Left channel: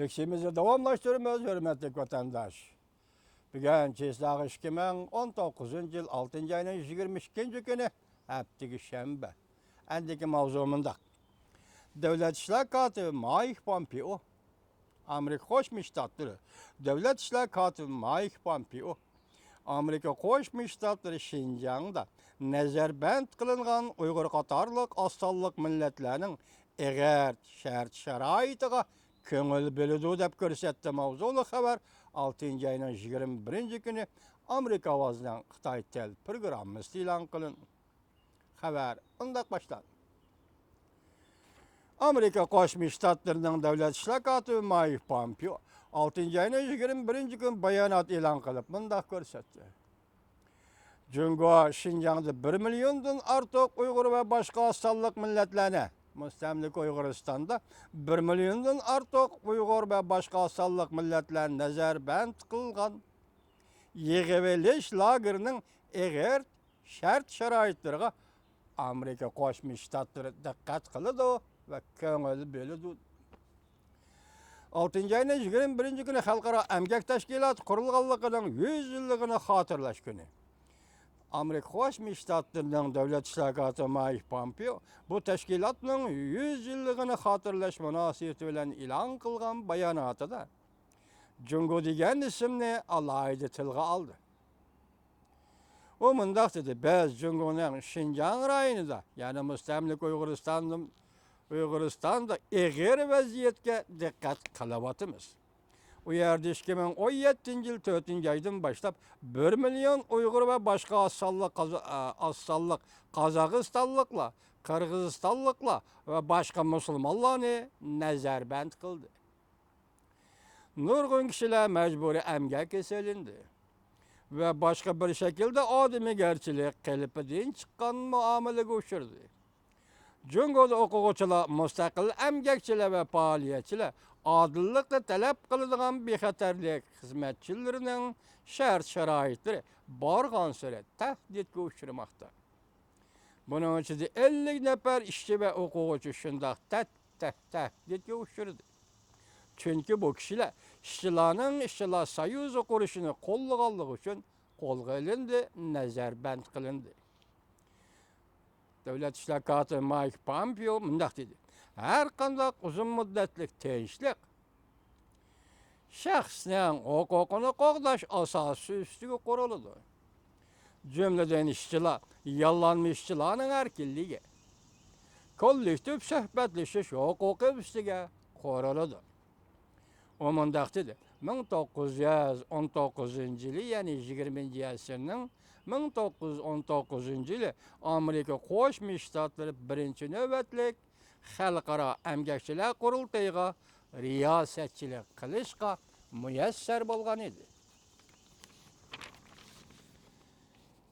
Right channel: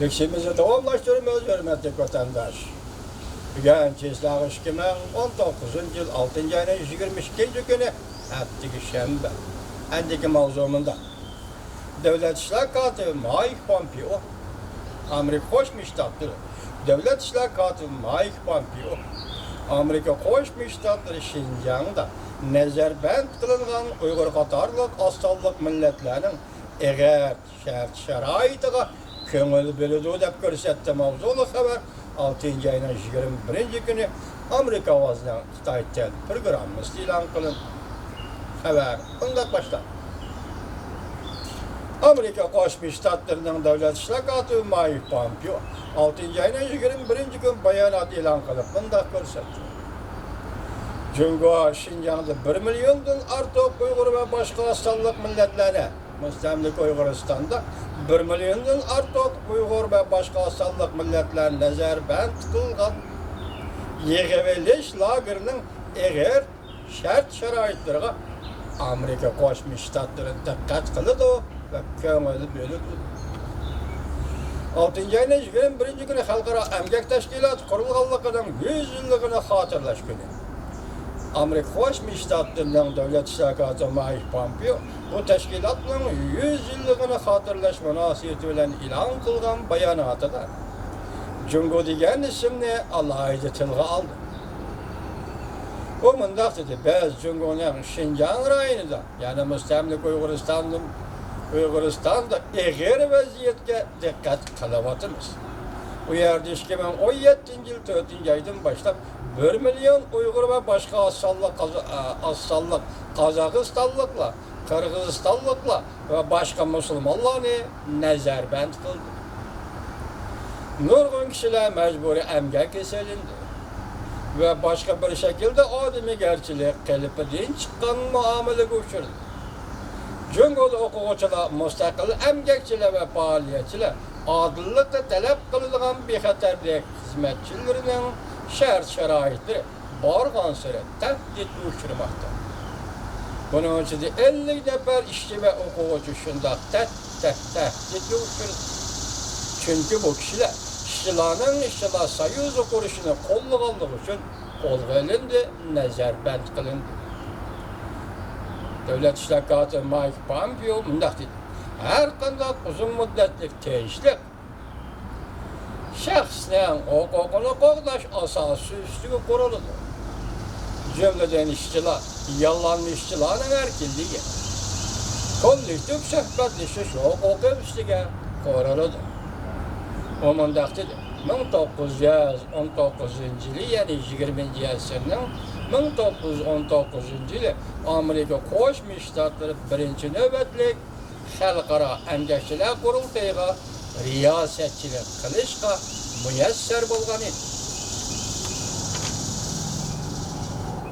Lüksümüzü davamlaştırmıyoruz hürmetli vatandaş. Bugün Çislağ 2019 yıl 6. ayının 22. günü Attiki Şembe. Endiki mavzumunda. Devlet İşler Katibi Mike Pompeo, Amerika Qo'shma Shtatlari Devlet İşler Katibi Mike Pompeo, Amerika Qo'shma Shtatlari Shinjongda nazarband qilingan Uyg'ur qatorliq ostonliq millatlarning eg'er shart-sharoitiga ko'ngil bo'ladi deb ko'rsatdi mavzuli xabar 6 ayning 21 kuni Amerika ovozining Xitoycha programmasi e'lon qilindi. Xabar bunday boshlanadi. Amerika Qo'shma Shtatlarining Davlat ishlar kotibi Mike Pompeo 6 ayning 21 kun bayonot e'lon qilib bunday ko'rsatdi. Jungo Şinjan'da 1 milyondan artıq Uyghur ve başka asıllık milletlerine, Müstemlik Uyguristan'da 1 milyondan artıq Uyghur ve başka asıllık milletlerine nazarband kılgan yığıveliş lagerinin eğer şart şaraitlerine Amerika Qo'shma Shtatlari diqqat qiladi ve ko'ngil bo'ladi. 6 ayning 21 kuni Xalqaro Emgak Tashkiloti qurilganligining 100 yilligini xotirlash kuni. Amerika Qo'shma Shtatlarining Davlat ishlar kotibi Mike Pompeo bu tashkilotning 100 yilligini xotirlash munosabati bilan e'lon qilgan bayonotida Jungo degan ismni alohida tilga oldi. O mundaq dedi, biz Jungoning Şinjan rayonida, ya'ni Müstemlik Uyg'uristonda eg'ir vaziyatga diqqat qilyapmiz. Bu yerda 2017 yil 4 oydan boshlab 1 milyon Uyg'ur ve başka asıllık Qozog'istonliklar, Qirg'izistonliklar ve başka musulmonlarni nazarband qildi. Nurg'un kishilar majburiy emgak esilindi ve başka bir şekilde odamgarchilik qilib din chiqqan muomalaga uchradi. Jungoda o'quvchilar, mustaqil emgakchilar ve faoliyatchilar adillikni talab qiladigan bexatarlik xizmatchilarining shart-sharoitlari borgan sari tahdidga uchramoqda. Bunun ichida 50 nafar ishchi va o'quvchi shundoq tahdidga uchradi. Chunki bu kishilar ishchilarning ishchilar soyuzi qurishini qo'llaganligi uchun qo'lga olindi, nazarband qilindi. Davlat ishlar kotibi Mike Pompeo bunday dedi: her qanday uzun muddatli tinchlik shaxsning huquqini qo'llash asosi ustiga quriladi. Jumladan ishchilar, yollanma ishchilarning erkinligi, kollektiv suhbatlashish huquqi ustiga quriladi. O mundaq dedi: 1919 yili, ya'ni 20 asrning 1919 yili Amerika Qo'shma Shtatlari birinchi navbatlik xalqaro emgakchilar qurultayiga riyosatchilik qilishga muyassar bo'lgan edi.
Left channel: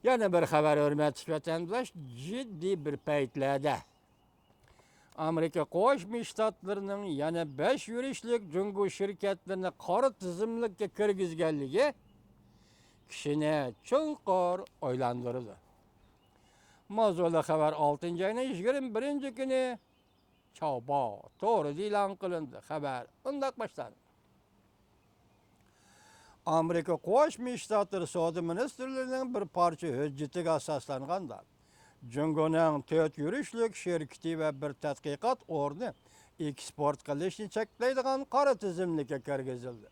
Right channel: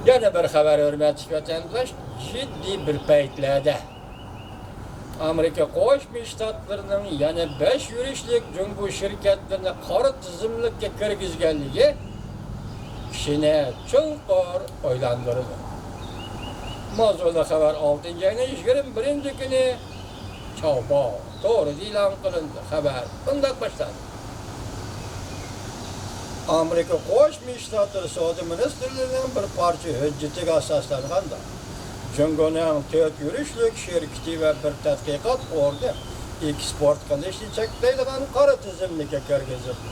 Yana bir xabar hurmatli vatandosh, jiddiy bir paytlarda Amerika Qo'shma Shtatlarining yana 5 yurishlik jungo shirkatlarini qora tizimlikka kirgizganligi kishini chunqur o'ylantirdi. Mavzuli xabar 6 ayning 21 kuni Chawbo to'g'ri e'lon qilindi. Xabar bunday boshlandi. Amerika Qo'shma Shtatlari Savdo ministrligining bir parcha hujjatiga asoslanganda Jungoning 4 yurishlik shirkati va bir tadqiqot ordi eksport qilishni cheklaydigan qora tizimlikka kirgizildi.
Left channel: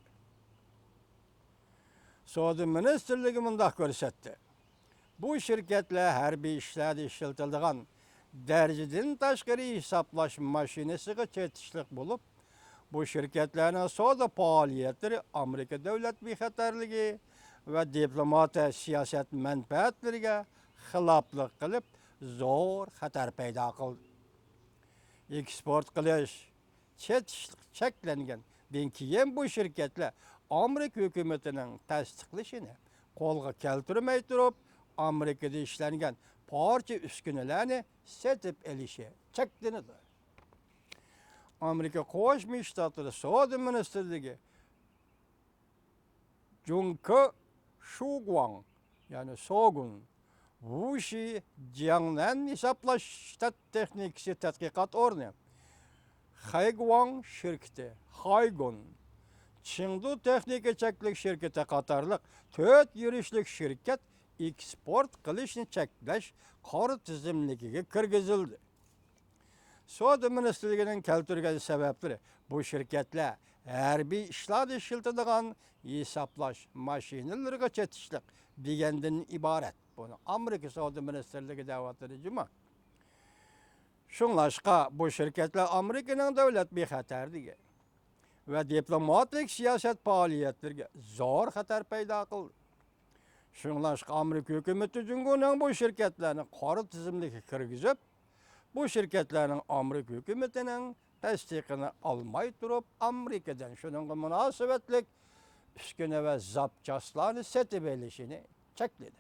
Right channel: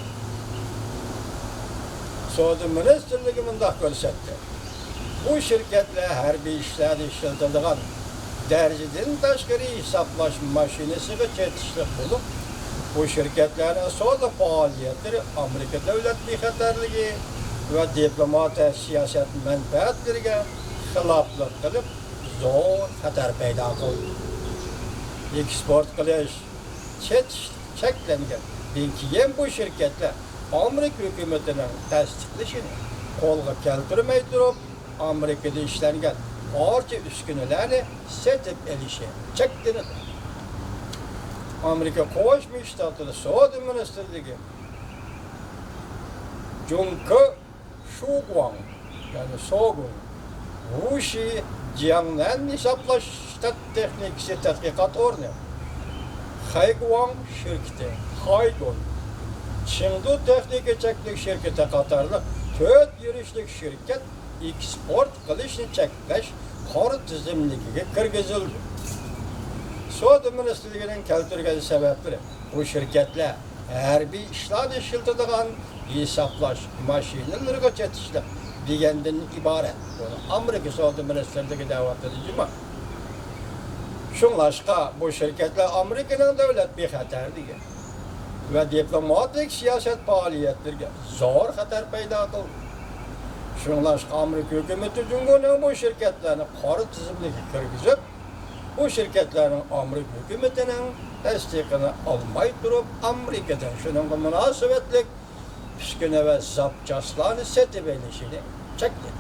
Savdo ministrligi bunday ko'rsatdi: bu shirkatlar harbiy ishlarda ishlatiladigan dərəcədən təşkili hesaplaş maşinəsiga çetişlik bo'lib, bu şirkətlərin savdo fəaliyyətləri Amerika dövlət bexatarligi və diplomatiya siyasət mənfəətlərinə xilaflıq qilib, zo'r xatar paydo qildi. Eksport qilish cheklangan. Keyin bu shirkatlar Amerika hukumatining tasdiqlashini qo'lga keltirmay turib, Amerikada ishlangan barcha uskunalarni setib elishi cheklanadi. Amerika Qo'shma Shtatlari Savdo ministrligi Junko Shuguang, ya'ni Sogun, Wuxi Jiangnan hisoblash shtat texnikasi tadqiqot o'rni, Haiguang shirkati, Haigun Çindu Texnika Çeklik şirketi qatarlıq 4 yürüşlük şirket eksport qilishni cheklash qor tizimligiga kirgizildi. Savdo ministrligining keltirgan sabablari bu shirkatlar harbiy ishlarda ishlatadigan hisoblash mashinalariga chetishlik degandan iborat. Buni Amerika savdo ministrligi da'vat qildi. Şunlaşqa bu şirketler Amerika'nın devlet bexatarligi ve diplomatik siyaset faaliyetlerine zor xatar paydo qildi. Şunlaşqa Amerika hükümeti Cumhuriyeti'nin bu şirketlerini qora tizimligiga kirgizib, bu şirketlerin Amerika hükümetinin tasdiqini almay turib, Amerika'dan shunga munosabatlik kichkina va zapchastlarni setib olishini chekladi.